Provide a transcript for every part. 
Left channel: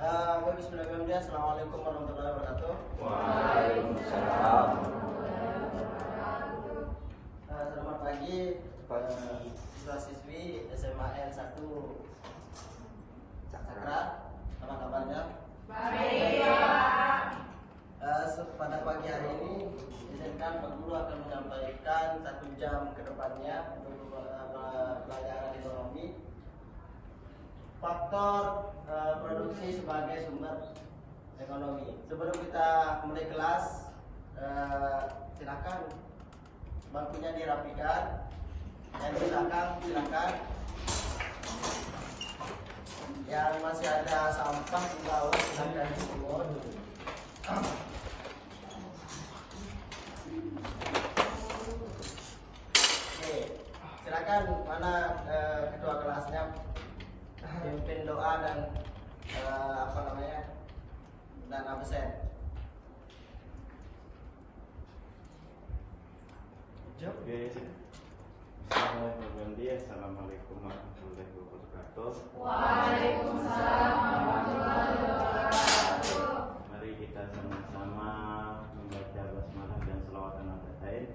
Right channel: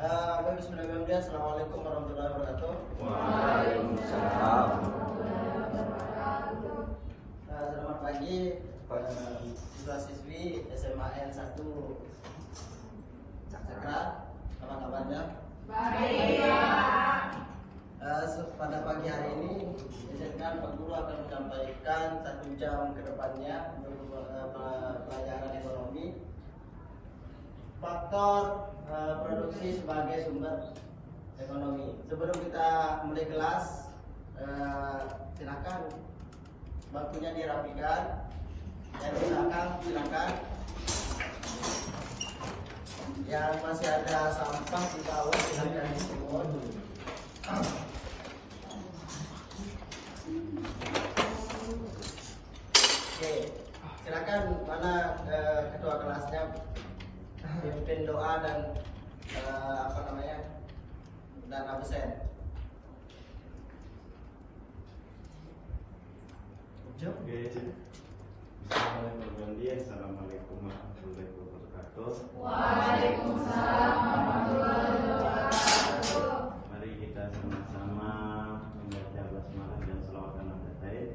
Bismillahirrahmanirrahim. Assalamualaikum warahmatullahi wabarakatuh. Waalaikumsalam. Selamat pagi kepada siswa-siswi SMAN 1 Cakra. Apa kabarnya? Baik. Pada pagi hari ini, izinkan Pak Guru akan menyampaikan 1 jam ke depannya untuk pelajaran ekonomi. Faktor produksi sebagai sumber ekonomi. Sebelum kita mulai kelas, silakan bangkunya dirapikan. Dan silakan. Yang masih ada sampah di bawah silakan dipungut. Oke, silakan mana ketua kelasnya pimpin doa dan dan absen. Assalamualaikum warahmatullahi wabarakatuh. Waalaikumsalam warahmatullahi wabarakatuh. Mari kita sama-sama membaca basmalah dan selawat Nabi.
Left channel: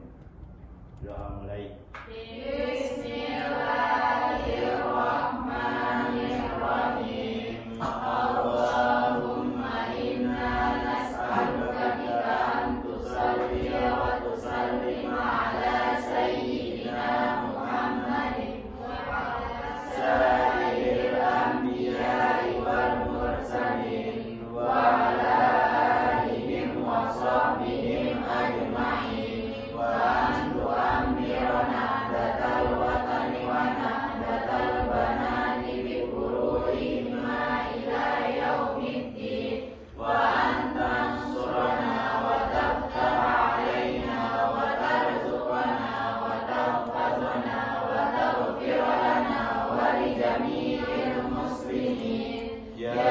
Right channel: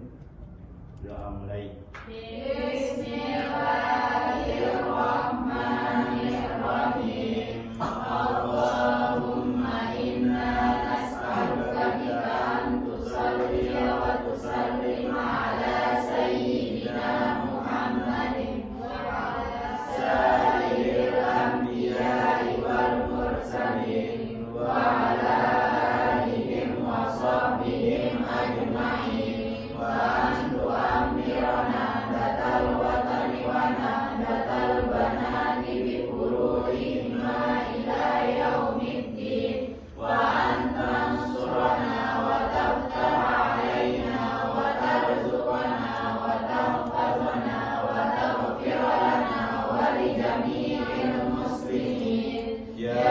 Doa mulai. Bismillahirrahmanirrahim. Allahumma inna nas'aluka an tusalli wa tusallim ala sayyidina Muhammadin wa ala sayyidil anbiya'i wal mursalin wa ala alihim wa sahbihim ajma'in wa antu amirana datal watani wa nahdatal banani bi furu'ihima ila yaumiddin wa antansurana wa taftah alaina wa tarzuqana wa tahfazana wa taghfir lana wa li jami'il muslimin ya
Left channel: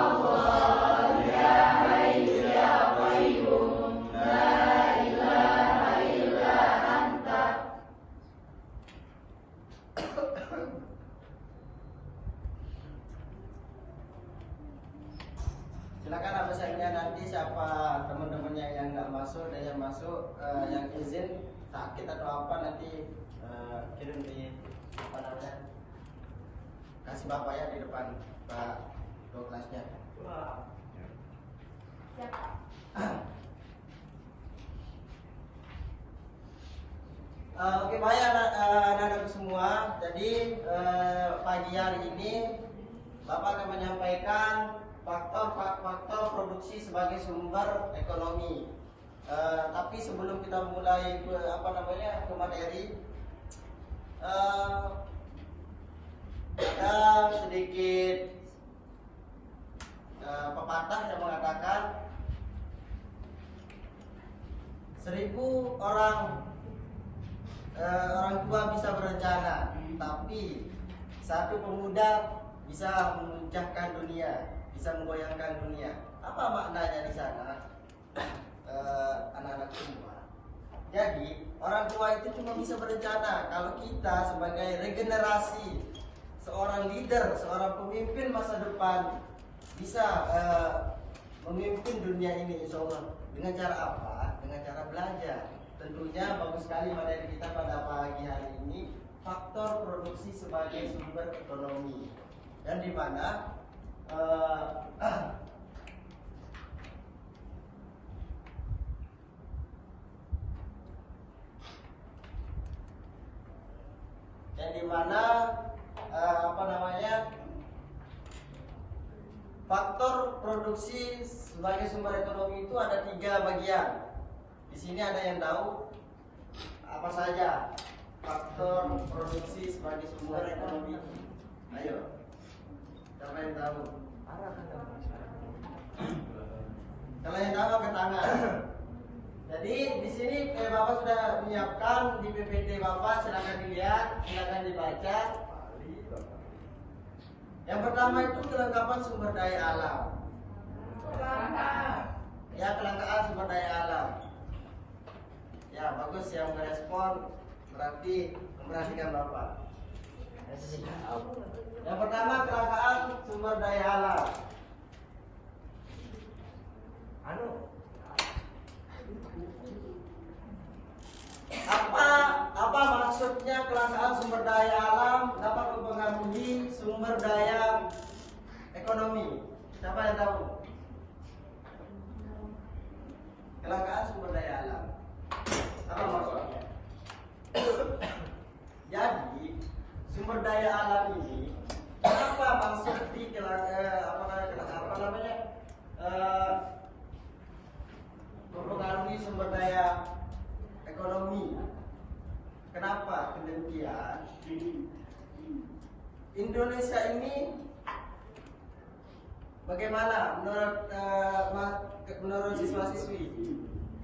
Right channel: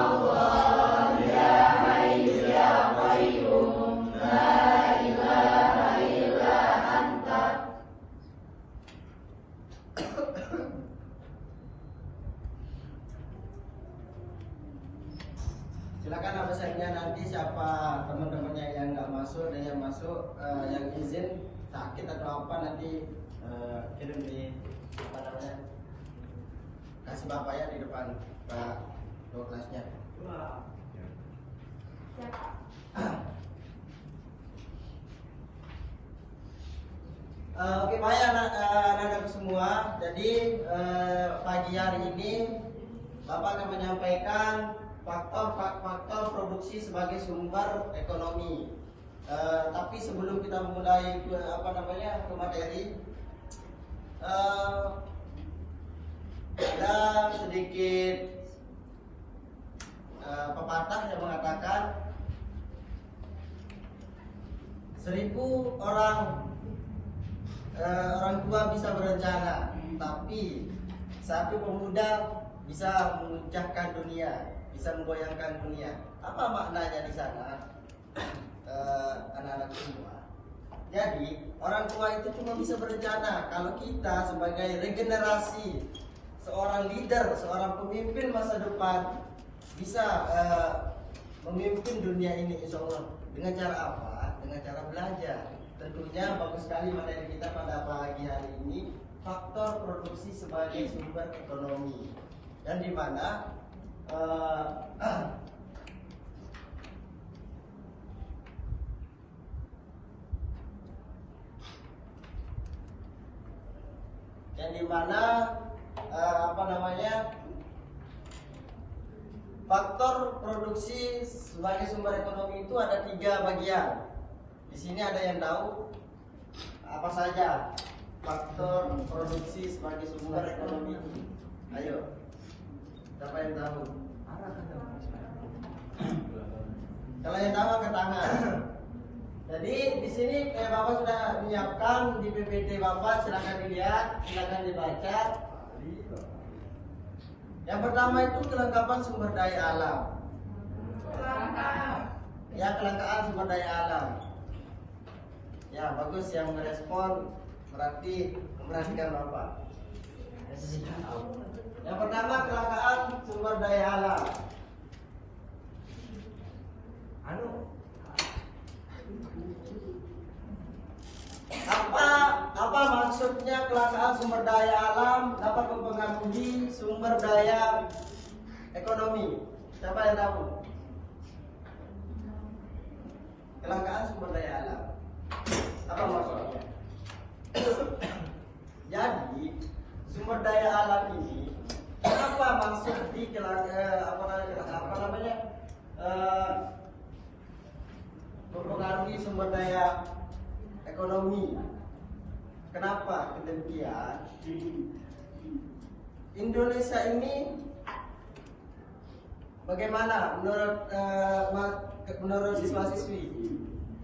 Allah ya Hayyu ya Qayyum la ilaha illa anta. Silakan absennya nanti siapa teman-temannya yang nggak masuk dan yang masuk yang izin sakit atau apa nanti kirim di kasih bapak ya di depan Pak Ketua kelasnya. Oke, baik anak-anak semua. Jadi pagi hari ini Bapak akan menyampaikan faktor produksi sebagai sumber ekonomi. Tapi sebelum kita memulai ke materi, ada sedikit pepatah yang mengatakan 1000 orang tua bisa berencana, tapi 1 pemuda bisa memecahkan dunia, bisa menggoyangkan dunia. Apa maknanya di sana, anak-anak semua? Jadi orang tua itu cuma bisa berencana kalau kita sebagai regenerasi, seorang leader, seorang pemimpin masa depan bisa memimpin dunia ini, insya Allah. Dengan cara apa? Dengan cara belajar. Tentunya bagus sekali materi kita pada pagi hari ini, faktor produksi sebagai sumber ekonomi, dan di mana faktor produksi sebagai sumber ekonomi itu ada 3 bagian. Di sini ada yang tahu apa saja faktor produksi sebagai sumber ekonomi? Ayo, siapa yang tahu? Kalau yang tahu angkat tangan. Jadi di sini Bapak sudah menyiapkan di PPT Bapak, silakan dilihat, silakan dibaca. Yang pertama itu kelengkapan sumber daya alam. Ya, kelangkaan sumber daya alam. Ya, bagus yang merespon, berarti memperhatikan Bapak. Yang pertama kelangkaan sumber daya alam. Apa maksudnya kelangkaan sumber daya alam dapat mempengaruhi sumber daya ekonomi? Siapa yang tahu? Kelangkaan sumber daya alam. Apa maksudnya? Jadi sumber daya alam ini apa maksud di mempengaruhi sumber daya ekonomi? Kenapa kedemikian? Indonesia ini bagaimana menurut siswa-siswi?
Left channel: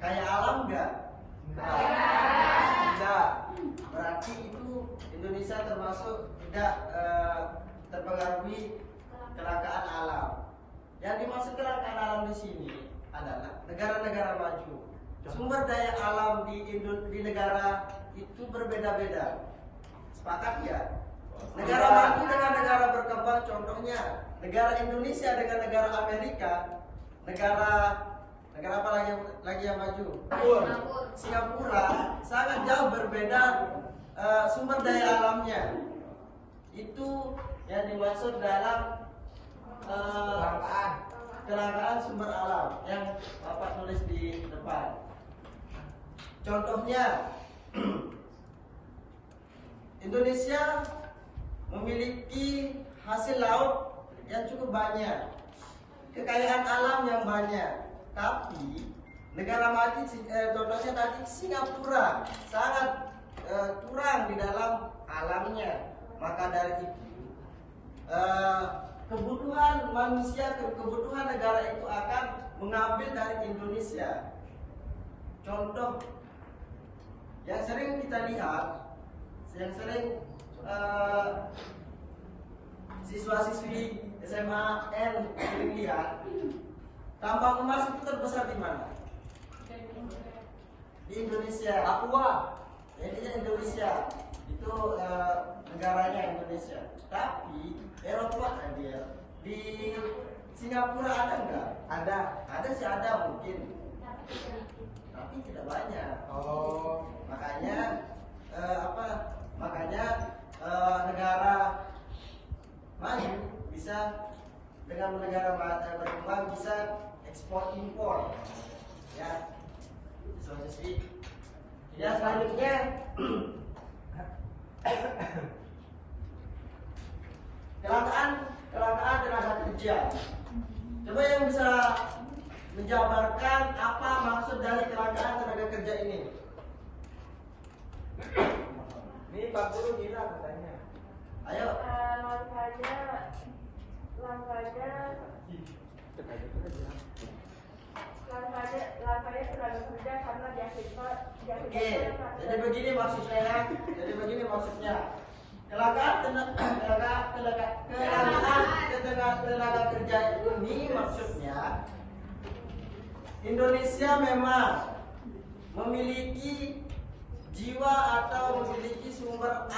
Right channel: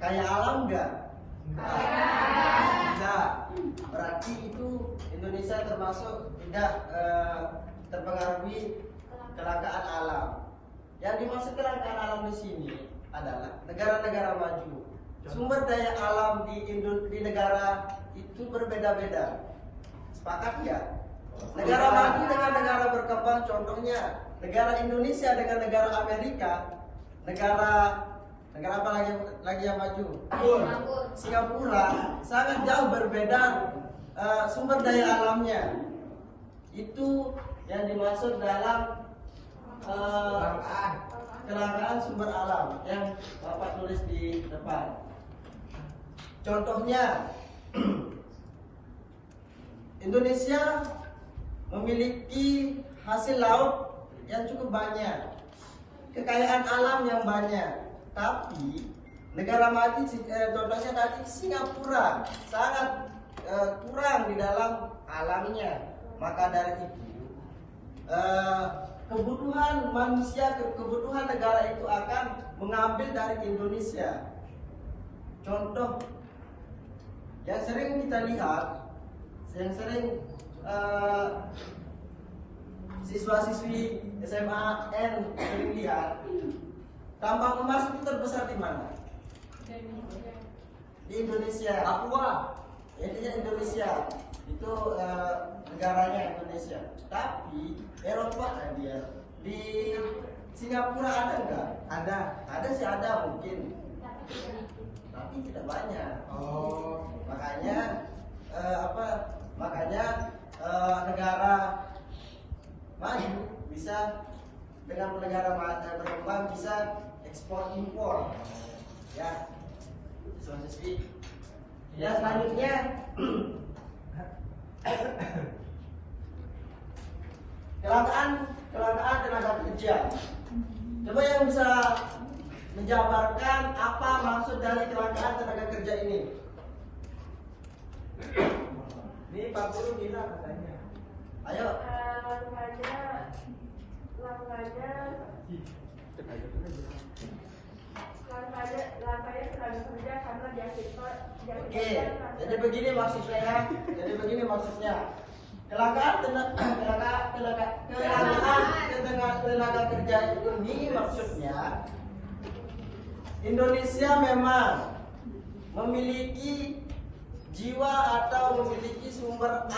Kaya alam enggak? Tidak. Berarti itu Indonesia termasuk tidak terpengaruhi kelangkaan alam. Yang dimaksud kelangkaan alam di sini adalah negara-negara maju. Sumber daya alam di negara itu berbeda-beda. Sepakat nggak? Negara maju dengan negara berkembang, contohnya negara Indonesia dengan negara Amerika, negara apa lagi yang maju? Singapura sangat jauh berbeda sumber daya alamnya. Itu yang dimaksud dalam kelangkaan sumber alam yang Bapak tulis di depan. Contohnya, Indonesia memiliki hasil laut yang cukup banyak, kekayaan alam yang banyak, tapi negara maju, contohnya tadi Singapura sangat kurang di dalam alamnya. Maka dari itu kebutuhan manusia, kebutuhan negara itu akan mengambil dari Indonesia. Contoh yang sering kita lihat, yang sering siswa-siswi SMA N sering lihat, tambang emas itu terbesar di mana? Di Indonesia. Papua. Intinya Indonesia itu negaranya Indonesia. Tapi Eropa dia di Singapura ada nggak? Ada sih, ada mungkin, tapi tidak banyak. Makanya negara maju bisa dengan negara berkembang bisa ekspor impor, ya. Ya, selanjutnya kelangkaan tenaga kerja. Coba yang bisa menjabarkan apa maksud dari kelangkaan tenaga kerja ini? Ini Pak Guru bilang katanya. Ayo. Oke, jadi begini maksudnya. Kelangkaan tenaga kerja ini maksudnya Indonesia memang memiliki jiwa atau memiliki sumber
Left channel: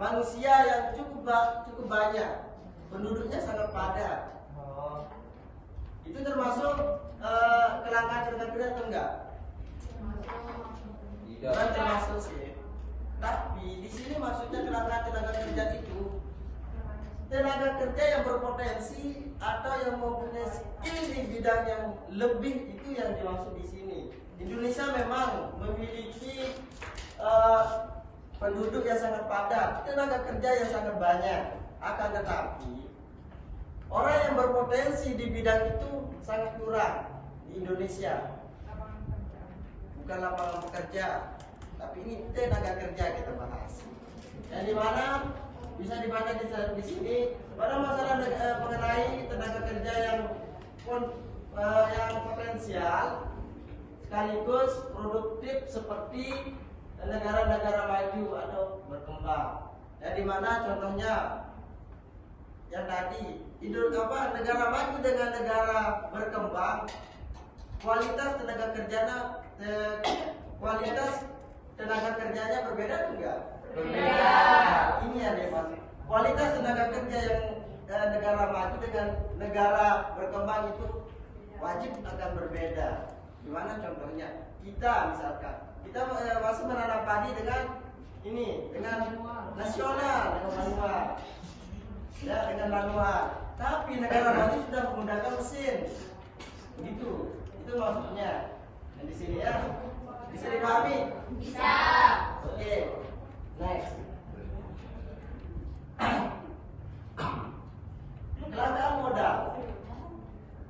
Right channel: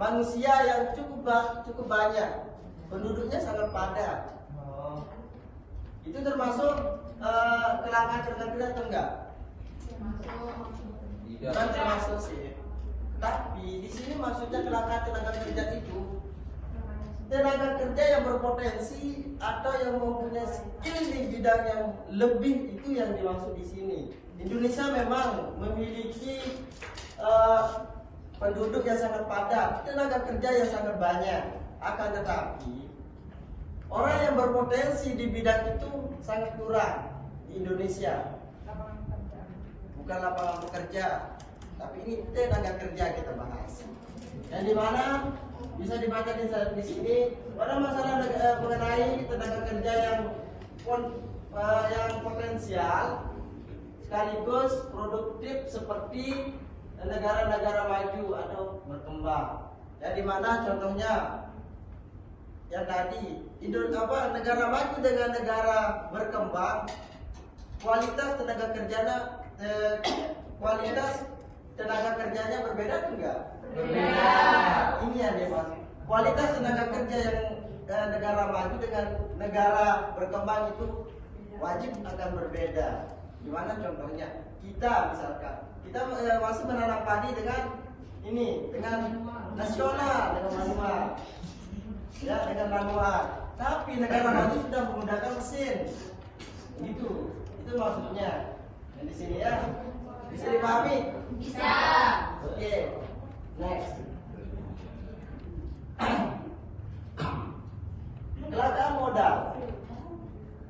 manusia yang cukup banyak, penduduknya sangat padat. Itu termasuk kelangkaan tenaga kerja atau enggak? Bukan termasuk sih. Tapi di sini maksudnya kelangkaan tenaga kerja itu tenaga kerja yang berpotensi atau yang mempunyai skill di bidang yang lebih, itu yang dimaksud di sini. Indonesia memang memiliki penduduk yang sangat padat, tenaga kerja yang sangat banyak. Akan tetapi orang yang berpotensi di bidang itu sangat kurang di Indonesia. Bukan lapangan pekerja, tapi ini tenaga kerja kita bahas. Yang dimana bisa dibaca di sini pada masalah mengenai tenaga kerja yang potensial sekaligus produktif seperti negara-negara maju atau berkembang. Yang dimana contohnya yang tadi negara maju dengan negara berkembang, kualitas tenaga kerjanya berbeda enggak? Berbeda. Ini yang dimaksud. Kualitas tenaga kerja yang negara maju dengan negara berkembang itu wajib akan berbeda. Gimana contohnya? Kita misalkan kita masih menanam padi dengan ini, dengan nasional, dengan manual, ya dengan manual. Tapi negara maju sudah menggunakan mesin, gitu. Itu maksudnya. Dan di sini ya, bisa dipahami? Bisa. Oke, next. Kelangkaan modal.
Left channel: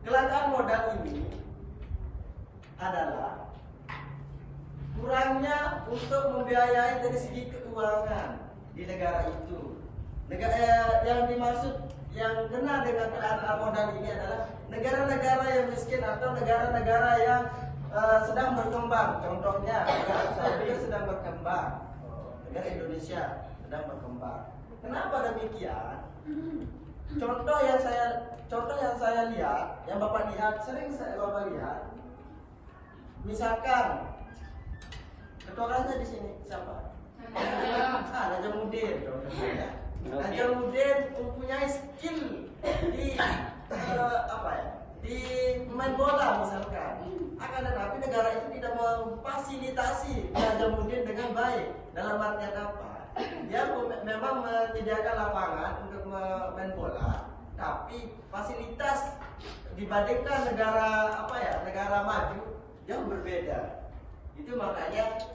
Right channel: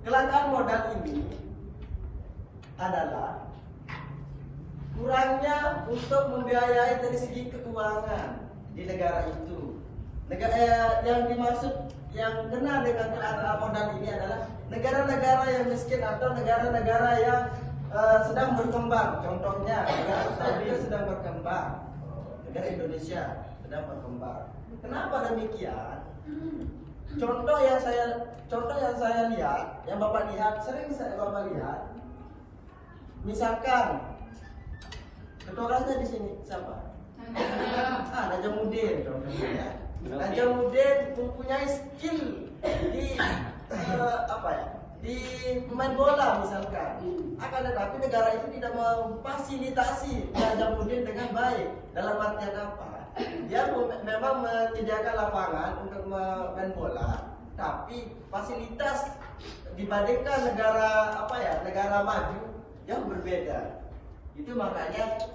Kelangkaan modal ini adalah kurangnya untuk membiayai dari segi keuangan di negara itu. Negara yang dimaksud yang benar dengan kelangkaan modal ini adalah negara-negara yang miskin atau negara-negara yang sedang berkembang. Contohnya negara kita juga sedang berkembang. Negara Indonesia sedang berkembang. Kenapa demikian? Contoh yang saya lihat, yang Bapak lihat, sering Bapak lihat. Misalkan ketua kelasnya di sini siapa? Najamuddin contohnya. Najamuddin mempunyai skill di di pemain bola misalkan. Akan tetapi negara itu tidak memfasilitasi Najamuddin dengan baik. Dalam artian apa? Dia memang menyediakan lapangan untuk main bola, tapi fasilitas dibandingkan negara maju yang berbeda. Itu makanya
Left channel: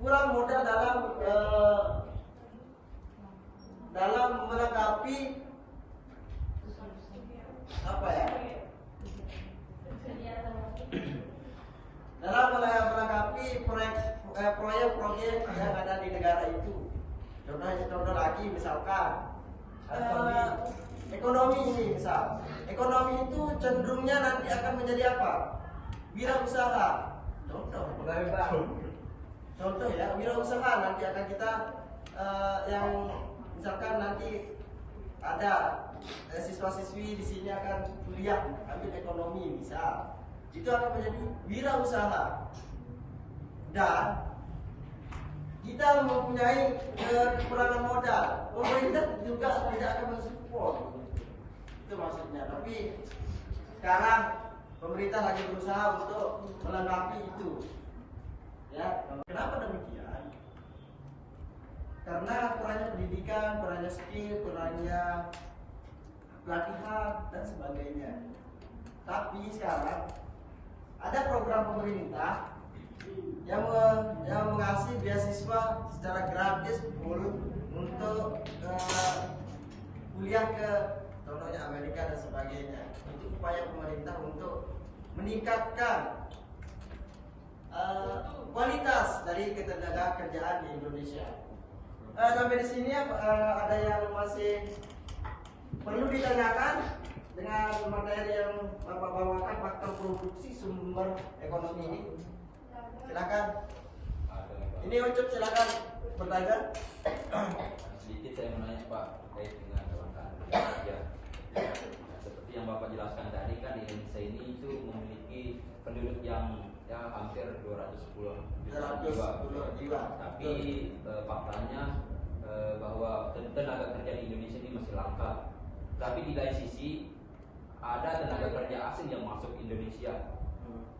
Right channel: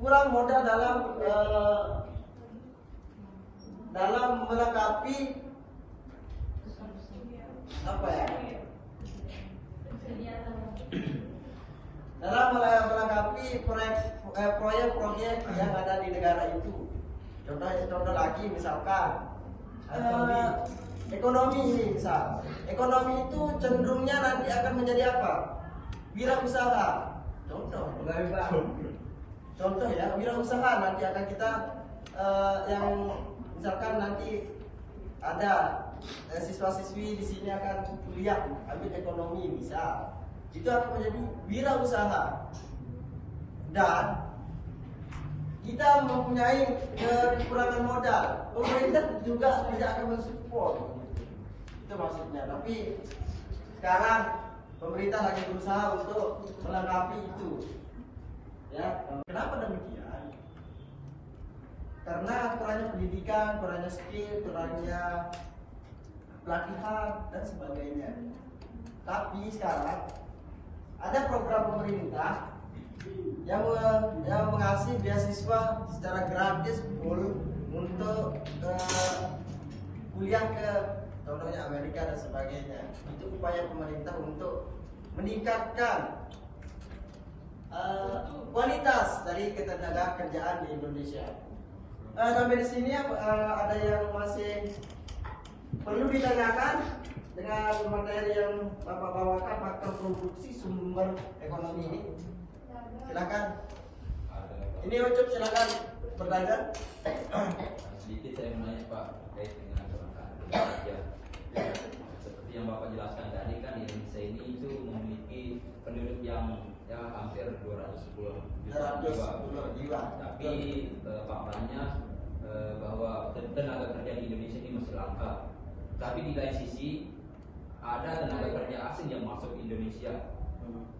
kurang modal dalam melengkapi dalam melengkapi proyek-proyek yang ada di negara itu. Contoh lagi misalkan ekonomi ini misal. Ekonomi itu cenderungnya nanti akan menjadi apa? Wirausaha. Contoh ya, wirausaha nanti akan kita yang misalkan nanti ada siswa-siswi di sini akan kuliah ambil ekonomi misal. Itu akan menjadi wirausaha. Dan kita mempunyai kekurangan modal, pemerintah juga tidak akan mensupport. Itu maksudnya. Tapi sekarang pemerintah lagi berusaha untuk melengkapi itu. Ya, kenapa demikian? Karena kurangnya pendidikan, kurangnya skill, kurangnya pelatihan dan sebagainya. Tapi sekarang ada program pemerintah yang mengasih beasiswa secara gratis full untuk kuliah ke contohnya Amerika dan sebagainya. Itu upaya pemerintah untuk meningkatkan kualitas dari ketenaga kerjaan di Indonesia. Sampai di sini ada yang masih perlu ditanyakan dengan materi yang Bapak bawakan, faktor produksi sumber ekonomi ini. Silakan. Ini Ucup, silakan bertanya. Sedikit saya menanya Pak terkait dengan kelangkaan kerja. Seperti yang Bapak jelaskan tadi kan Indonesia ini itu memiliki penduduk yang hampir 210 jiwa. Tapi faktanya bahwa tenaga kerja di Indonesia ini masih langka. Tapi di lain sisi ada tenaga kerja asing yang masuk ke Indonesia.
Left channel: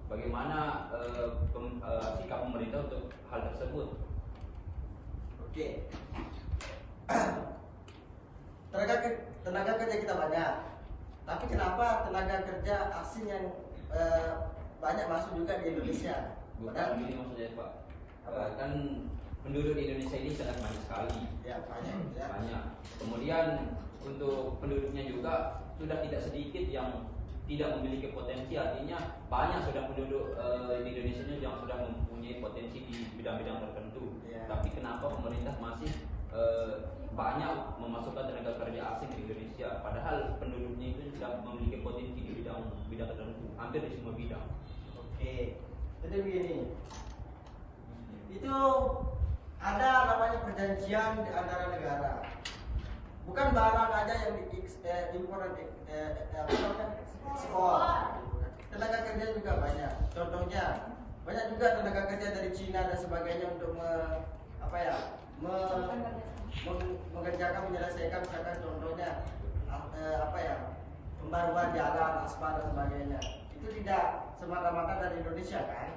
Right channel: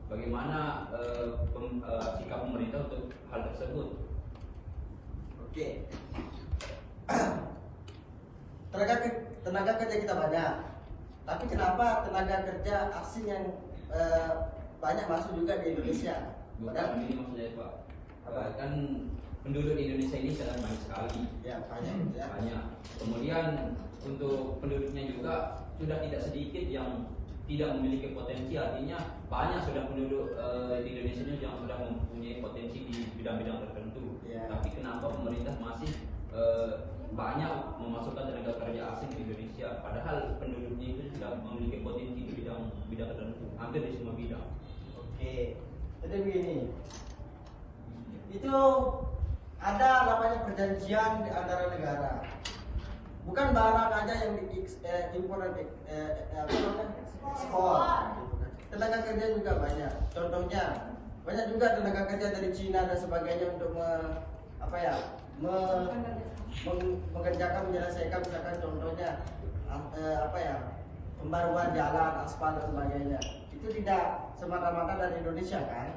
Bagaimana sikap pemerintah untuk hal tersebut? Oke. Tenaga kerja kita banyak, tapi kenapa tenaga kerja asing yang banyak masuk juga di Indonesia? Bukan ini maksudnya Pak. Kan penduduk di Indonesia ini sangat banyak sekali. Ya banyak. Ya. Banyak. Kemudian untuk penduduknya juga sudah tidak sedikit yang tidak memiliki potensi, artinya banyak sudah penduduk di Indonesia ini yang sudah mempunyai potensi di bidang-bidang tertentu. Yeah. Tapi kenapa pemerintah masih banyak memasukkan tenaga kerja asing di Indonesia, padahal penduduknya itu tidak memiliki potensi di bidang tertentu, hampir di semua bidang. Oke, jadi begini, itu ada namanya perjanjian di antara negara. Bukan barang aja yang diimpor dan ekspor. Tenaga kerja juga banyak. Contohnya banyak juga tenaga kerja dari Cina dan sebagainya untuk mengerjakan menyelesaikan misalkan contohnya pembaruan jalan, aspal dan sebagainya. itu tidak semata-mata dari Indonesia kan,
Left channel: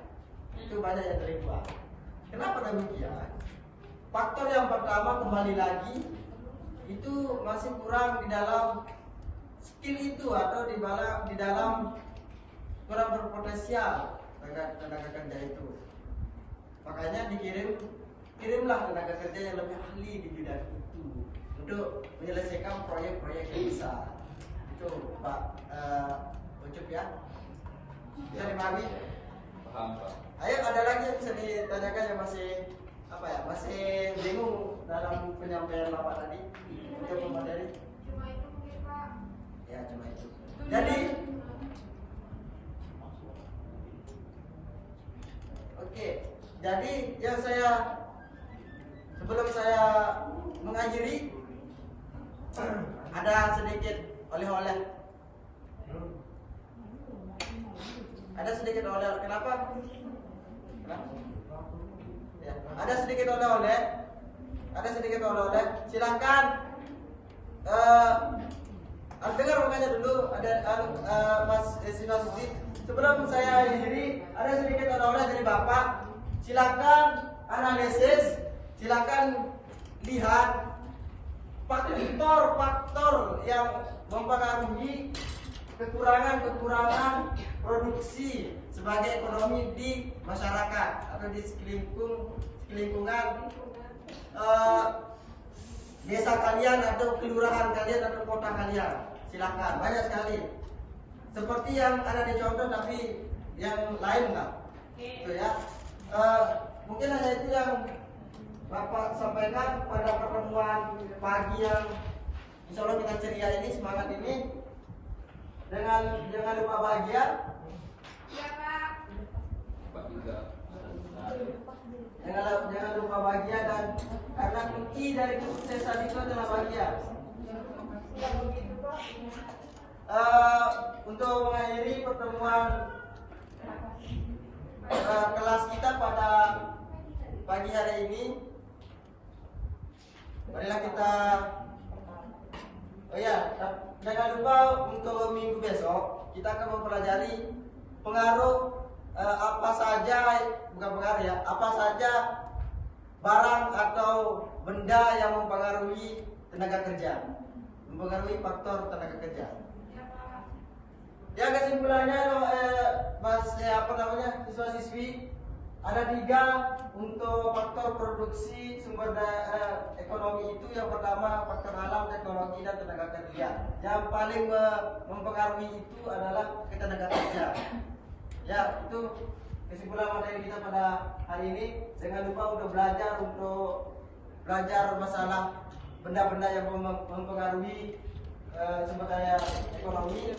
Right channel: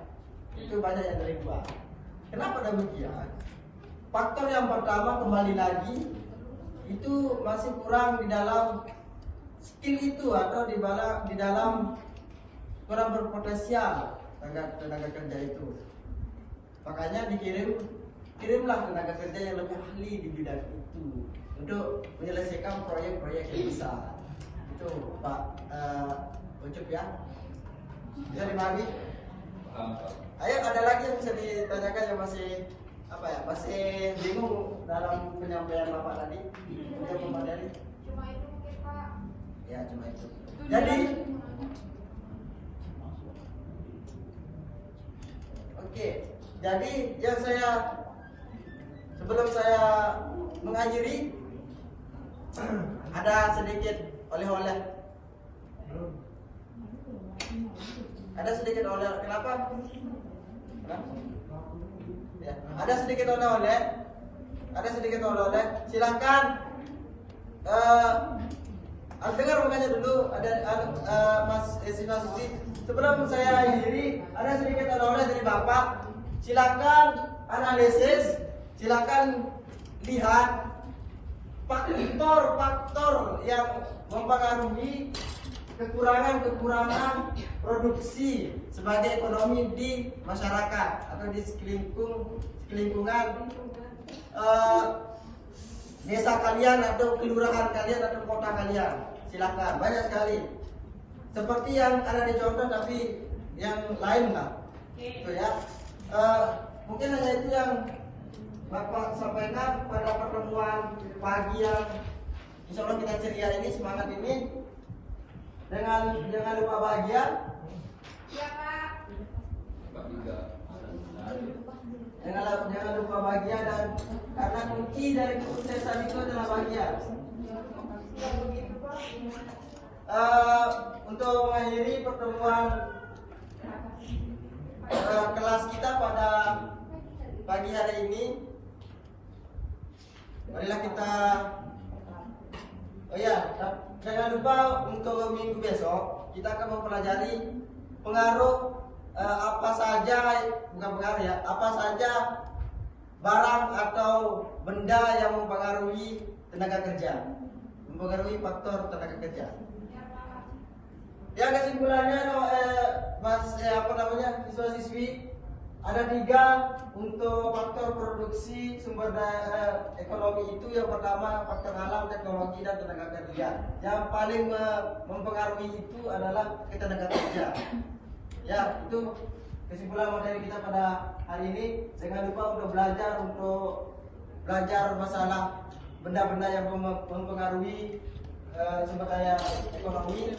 itu banyak yang dari luar. Kenapa demikian? Faktor yang pertama kembali lagi itu masih kurang di dalam skill itu atau di dalam kurang berpotensial tenaga kerja itu. Makanya kirimlah tenaga kerja yang lebih ahli di bidang itu untuk menyelesaikan proyek-proyek yang besar. Itu Pak Ucup ya. Bisa dimahami? Paham, Pak. Ayo, ada lagi yang bisa ditanyakan yang masih masih bingung dalam penyampaian Bapak tadi untuk pemateri? Cuma itu mungkin Pak. Ya, cuma itu. Jadi, oke. Jadi yang sebelum saya mengakhiri ada sedikit oleh-oleh. Ada sedikit oleh. Kenapa? Ya, ada sedikit oleh-oleh. Silakan dengar makanya dulu ada Mas siswa-siswi. Sebelum saya akhiri, ada sedikit oleh-oleh dari Bapak. Silakan analisis, silakan lihat faktor-faktor yang mempengaruhi kekurangan produksi sebagai ekonomi di masyarakat atau di lingkungan desa kalian atau kelurahan kalian atau kota kalian. Silakan, banyak sekali. Seperti yang ada di contoh tapi yang lain enggak? Itu ya. Mungkin hanya itu yang Bapak sampaikan pada pertemuan pagi yang insya Allah kita ceria ini, semangat ini. Dengan lupa bahagia. Iya Pak. Pak juga. Jangan lupa bahagia, dan karena kunci dari kesuksesan itu adalah bahagia. Untuk mengakhiri pertemuan kelas kita pada pagi hari ini, marilah kita jangan lupa untuk minggu besok kita akan mempelajari pengaruh apa saja barang atau benda yang mempengaruhi tenaga kerja, mempengaruhi faktor tenaga kerja. Ya, kesimpulannya siswa-siswi, ada 3 untuk faktor produksi sumber daya ekonomi itu. Yang pertama faktor alam, teknologi, dan tenaga kerja. Yang paling mempengaruhi itu adalah tenaga kerja. Ya, itu kesimpulan materi kita pada hari ini. Jangan lupa untuk belajar masalah benda-benda yang mempengaruhi sumber daya ekonomi.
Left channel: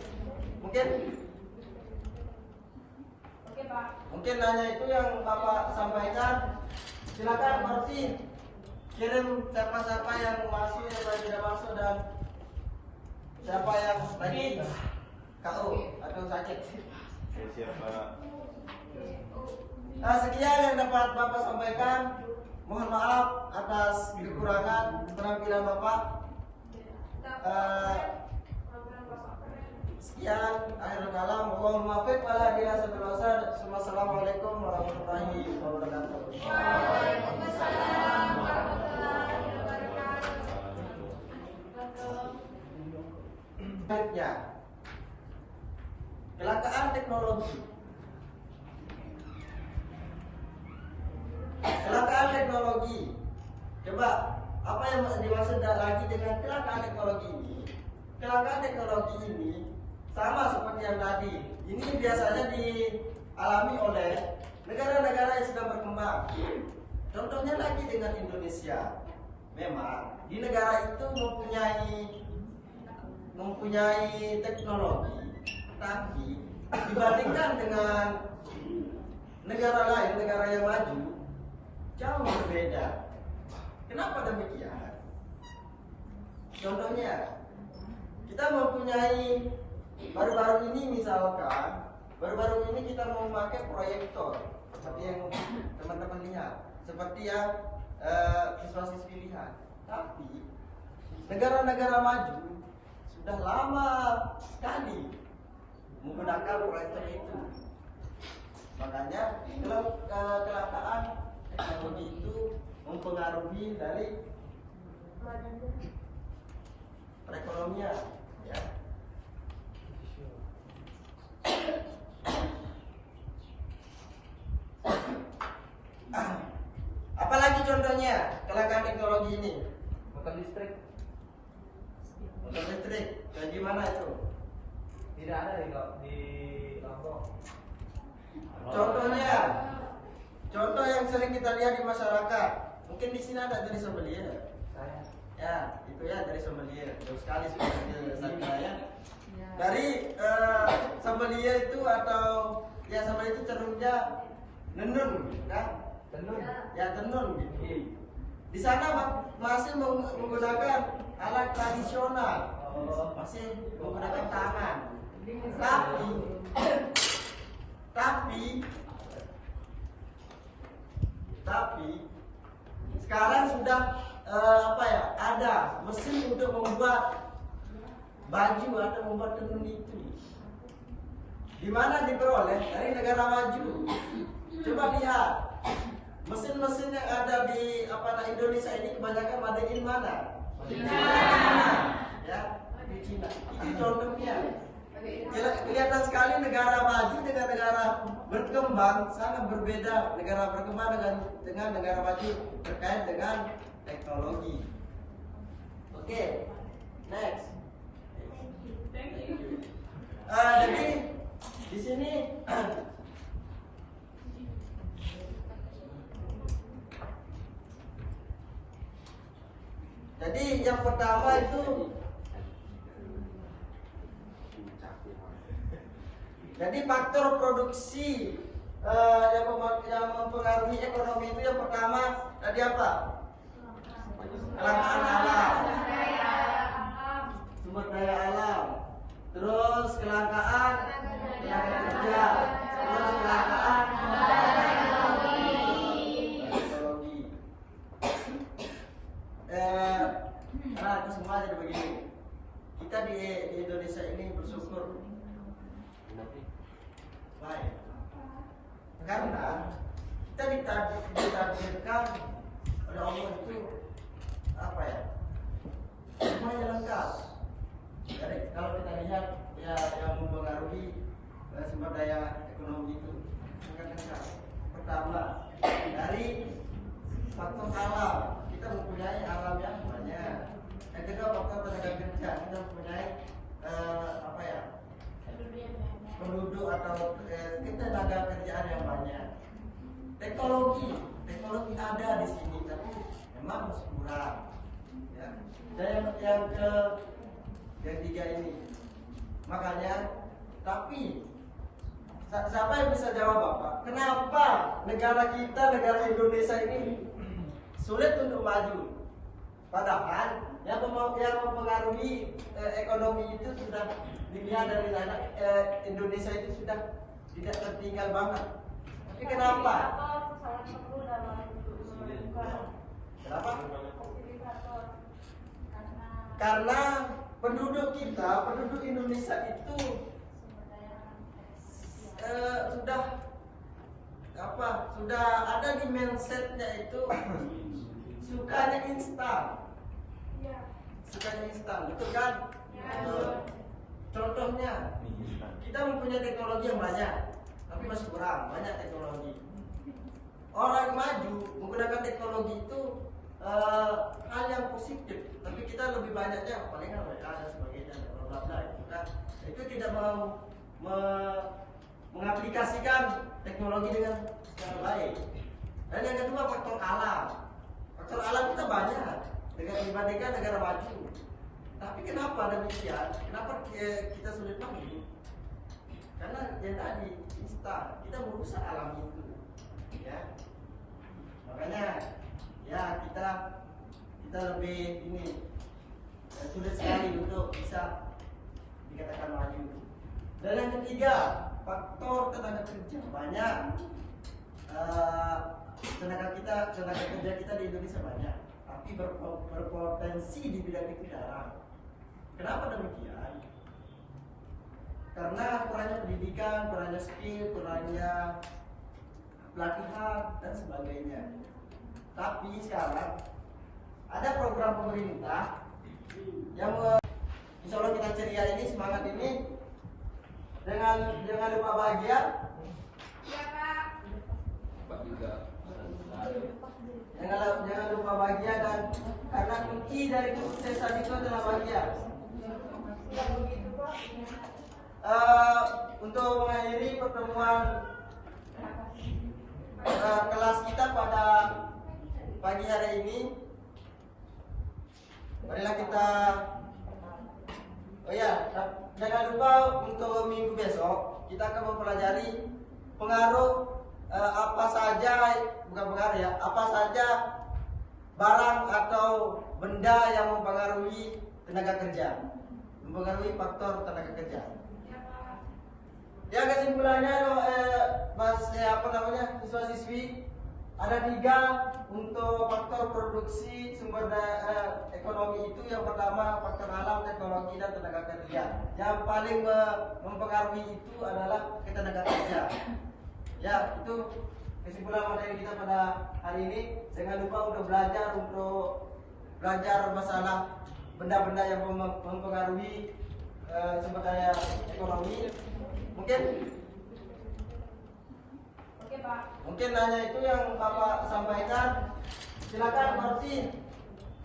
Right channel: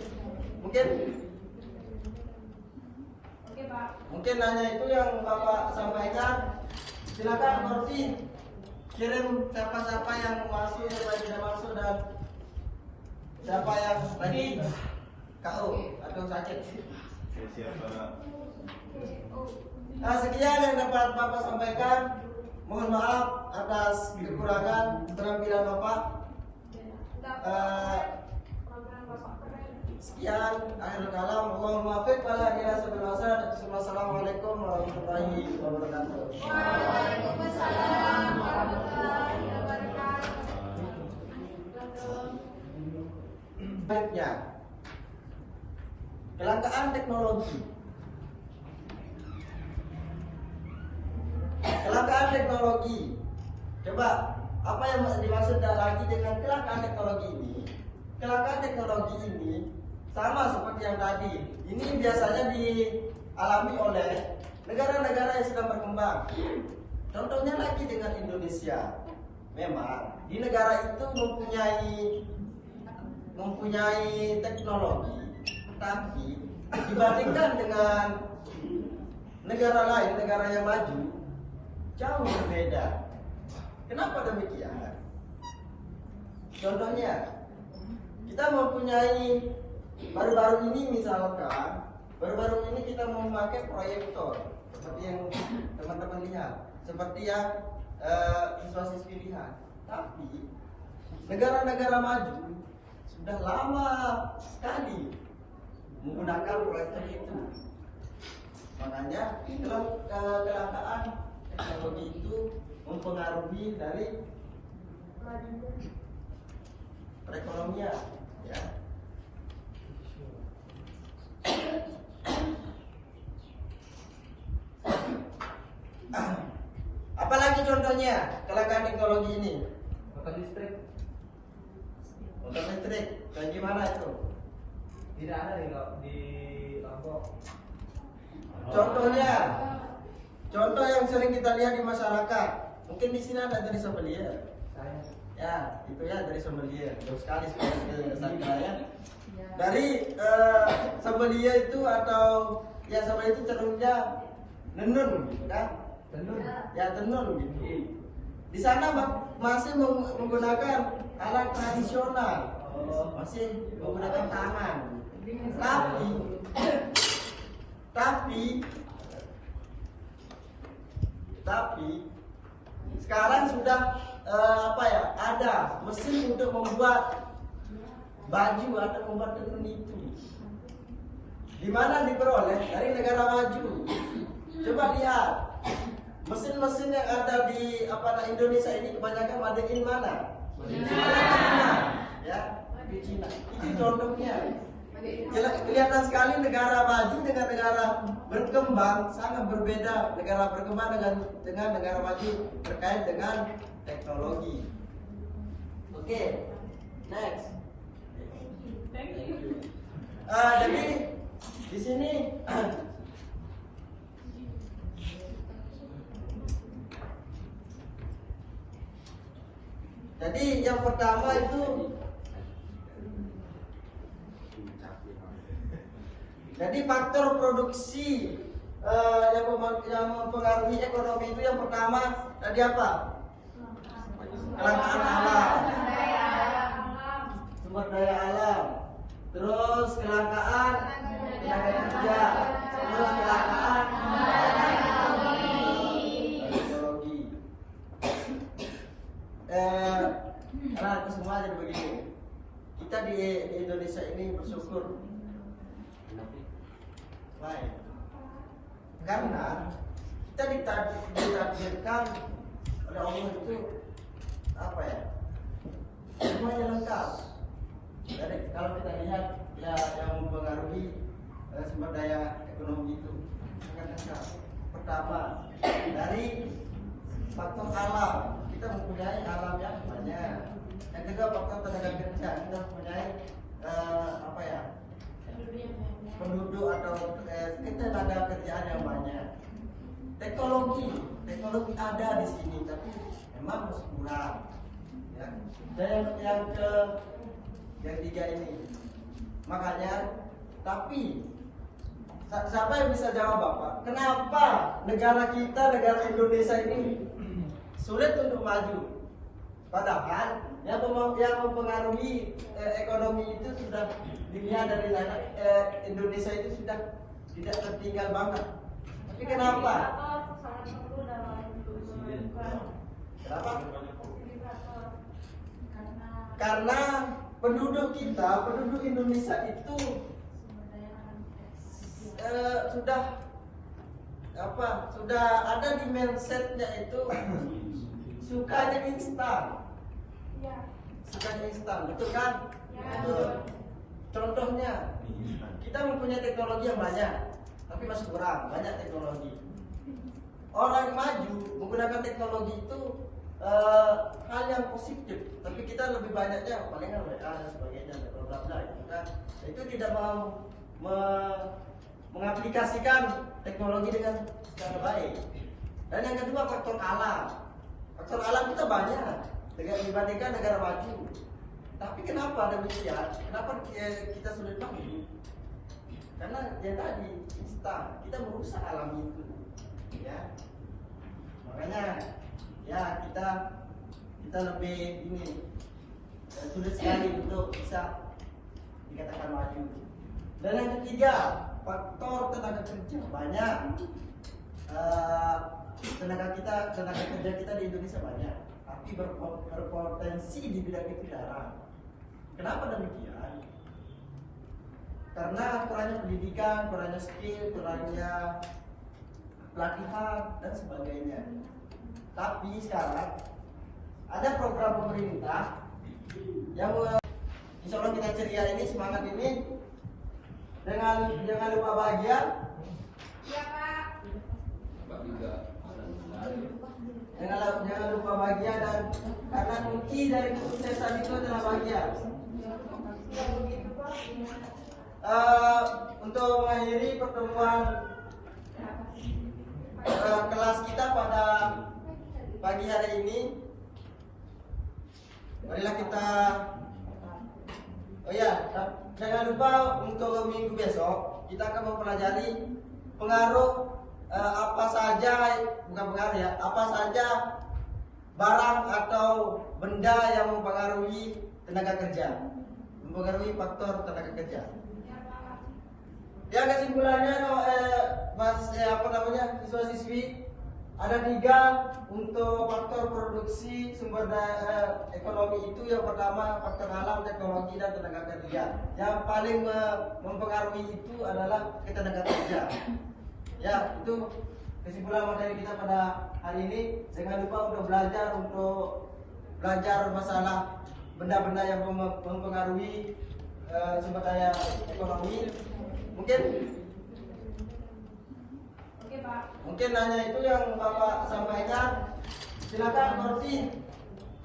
Mungkin hanya itu yang Bapak sampaikan. Silakan Korti kirim siapa-siapa yang masuk, yang tidak masuk, dan siapa yang lagi KO atau sakit. Sekian yang dapat Bapak sampaikan. Mohon maaf atas kekurangan keterampilan Bapak. Sekian, akhir kalam. Allahumma muwaffiq wala ilaha illallah. Assalamualaikum warahmatullahi wabarakatuh. Waalaikumsalam warahmatullahi wabarakatuh. Baiknya, kelangkaan teknologi. Kelangkaan teknologi. Coba, apa yang dimaksud lagi dengan kelangkaan teknologi ini? Kelangkaan teknologi ini sama seperti yang tadi. Ini biasanya dialami oleh negara-negara yang sudah berkembang. Contohnya lagi dengan Indonesia. Memang di negara itu mempunyai teknologi, tapi dibandingkan dengan negara lain, negara yang maju, jauh berbeda. Kenapa demikian? Contohnya, kita mempunyai baru-baru ini kita memakai proyektor seperti yang teman-teman lihat, seperti yang siswa-siswi lihat. Tapi negara-negara maju sudah lama sekali menggunakan proyektor itu. Makanya kecelakaan teknologi itu mempengaruhi dari perekonomian, ya. Apalagi contohnya kecelakaan teknologi ini? Motor listrik Motor listrik, kayak gimana itu? tidak ada di Lombok. Contohnya, contoh yang sering kita lihat di masyarakat. Mungkin di sini ada dari sommelier. Ya, itu ya dari sommelier. Jauh sekali sebenarnya saya. Dari sommelier itu atau ya sommelier itu terumnya nenun gitu kan? Tenun. Ya tenun gitu. Di sana masih menggunakan alat tradisional, masih menggunakan tangan. Tapi sekarang sudah ada mesin untuk membuat baju atau membuat tenun itu. Di mana diperoleh? Dari negara maju. Coba lihat mesin-mesin yang ada di Indonesia ini kebanyakan made in mana? Ya, di Cina. Itu contohnya. Kelihatan sekali negara maju dengan negara berkembang sangat berbeda. Negara berkembang dengan negara maju terkait dengan teknologi. Oke, next. Jadi di sini jadi yang pertama itu jadi faktor produksi yang mempengaruhi ekonomi itu yang pertama tadi apa? Kelangkaan alam, sumber daya alam, terus kelangkaan tenaga kerja, terus kelangkaan teknologi. Karena itu semua jadi begini. Kita di Indonesia ini bersyukur baik, karena kita ditakdirkan oleh Allah itu semuanya lengkap. Jadi kalau kita lihat ya yang mempengaruhi sumber daya ekonomi itu sangat lengkap. Pertama dari faktor alam, kita mempunyai alam yang banyak. Yang kedua faktor tenaga kerja, kita mempunyai penduduk atau tenaga kerjaan yang banyak. Teknologi ada di sini, tapi memang masih kurang. Ya. Dan yang ketiga ini, makanya, tapi siapa yang bisa jawab Bapak? Kenapa negara kita, negara Indonesia ini sulit untuk maju? Padahal yang mempengaruhi ekonomi itu sudah dilihat dari Indonesia itu sudah tidak tertinggal banget. Tapi kenapa? Kenapa? Karena penduduk Indonesia itu sudah ada di mindsetnya itu sukanya instan, betul kan? Contohnya, kita mempunyai teknologi yang banyak, tapi masih kurang banyak teknologi. Orang maju menggunakan teknologi itu hal yang positif, tapi kita lebih banyaknya palingan WA dan sebagainya, bla bla itu kan. Itu tidak mau mengaplikasikan teknologi dengan secara baik. Dan yang kedua faktor alam. Faktor alam kita banyak dibandingkan negara maju. Tapi kenapa demikian? Kenapa kita sulit maju? Karena yang tadi instan, kita merusak alam itu, ya. Makanya ya kita lebih sulit sekali untuk bisa dikatakan maju. Dan yang ketiga, faktor tenaga kerja banyak. Tenaga kerja kita di Indonesia banyak, tapi berpotensi di bidang itu jarang. Kenapa demikian? karena kurangnya pendidikan, kurangnya skill, kurangnya pelatihan dan sebagainya. Tapi sekarang ada program pemerintah yang insya Allah kita ceria ini, semangat ini, dengan jangan lupa bahagia, Iya Pak. Pak juga. jangan lupa bahagia, dan karena kunci dari kesuksesan itu adalah bahagia. Untuk mengakhiri pertemuan kelas kita pada pagi hari ini, marilah kita, oh ya, jangan lupa untuk minggu besok kita akan mempelajari pengaruh apa saja, bukan pengaruh ya, apa saja barang atau benda yang mempengaruhi tenaga kerja, mempengaruhi faktor tenaga kerja. Ya, kesimpulannya siswa-siswi, ada 3 untuk faktor produksi sumber daya ekonomi itu. Yang pertama faktor alam, teknologi, dan tenaga kerja. Yang paling mempengaruhi itu adalah tenaga kerja. Ya, itu kesimpulan materi kita pada hari ini. Jangan lupa untuk belajar masalah benda-benda yang mempengaruhi sumber daya ekonomi. Mungkin hanya itu yang Bapak sampaikan. Silakan Korti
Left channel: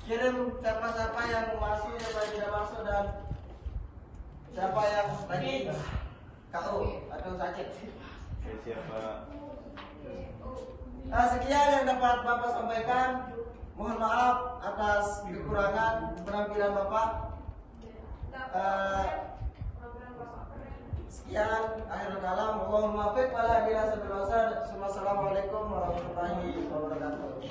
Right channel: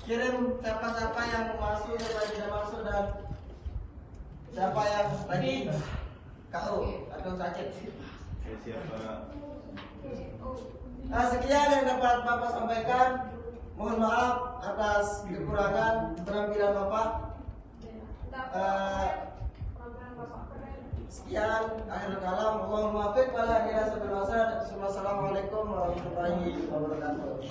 kirim siapa-siapa yang masuk, siapa yang tidak masuk, dan siapa yang lagi KO atau sakit. Sekian yang dapat Bapak sampaikan. Mohon maaf atas kekurangan penampilan Bapak. Sekian, akhir kalam. Allahumma fiq wala ilaha illallah. Assalamualaikum warahmatullahi wabarakatuh.